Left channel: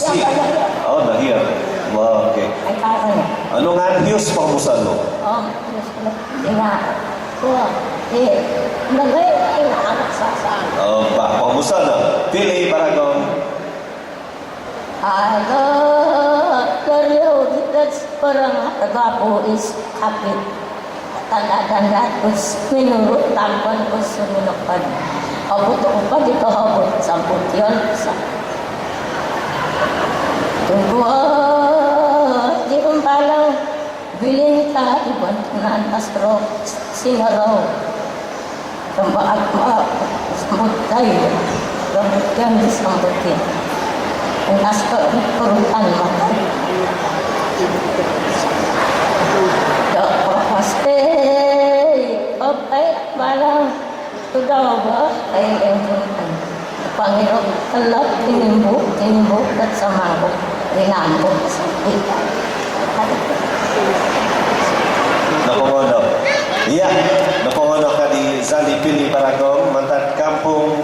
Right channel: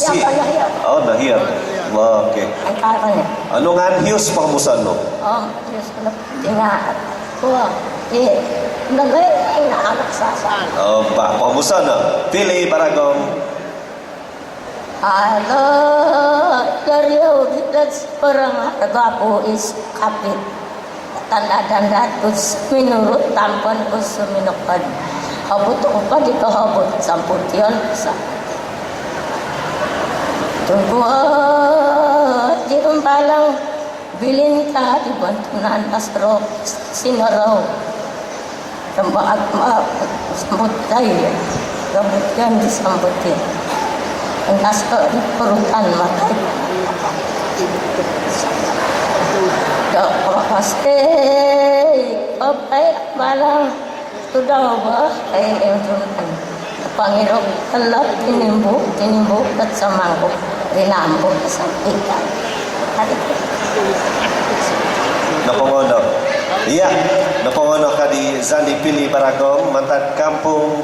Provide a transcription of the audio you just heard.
Si, oh, nahiyap. Okay. Ay, karon. Ano nga ang hiyos pakamusan no? Oh, Diyos ko na. Tingnan. Kuha. Nagay, inaanak sa saan. Pakamusan na. Pili Baragong. Hello, Dario, that's parang nagapo is kapit. Tanda-tanda ko minurut tampan ko suminukad. Habot ko pa dito habot. Samput yun. Tungguan, di ko palang bilin ka, ibantunan astro, sinaraw. Kambaat sambutay, rambutan di sambutin. Ang astro, perutan matay. Paste, papay, balang, ito daw ba? Ay, yung turutan. Panginoon, talap, tinimbuk, at sa mangkok, rinambok sa ikan. Napungono. Iya, napungono ka di Zani Pili Baragong, mantan kampung